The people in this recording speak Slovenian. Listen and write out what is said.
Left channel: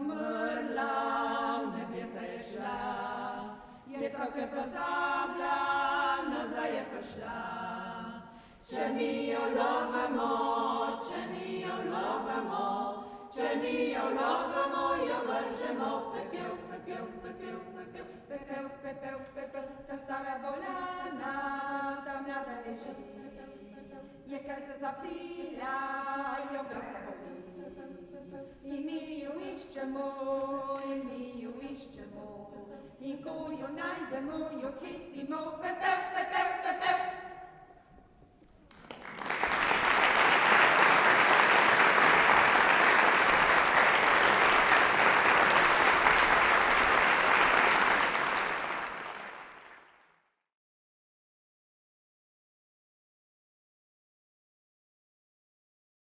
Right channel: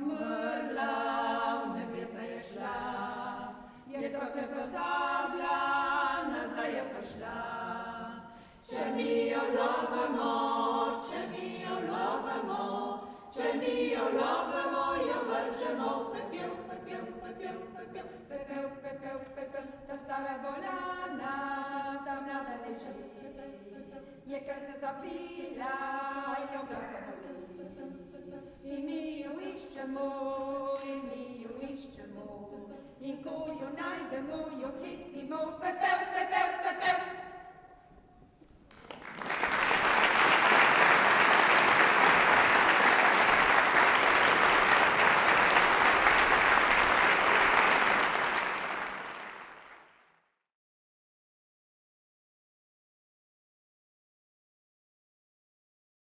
umrla, v nebesa je šla, je cokle pozabila, nazaj je prišla. Če mi jo lovamo, če mi jo lovamo, če mi jo lovamo, jo vržemo v pepel, pepel, pepel, pepel, pepel, pepel, pepel. Ta stara bolana, ta mlada leži, je kar se zapila, jo glav zaboli. In mi jo iščemo, in mi jo iščemo, in ko jo najdemo, jo hitimo v pepel, pepel, pepel.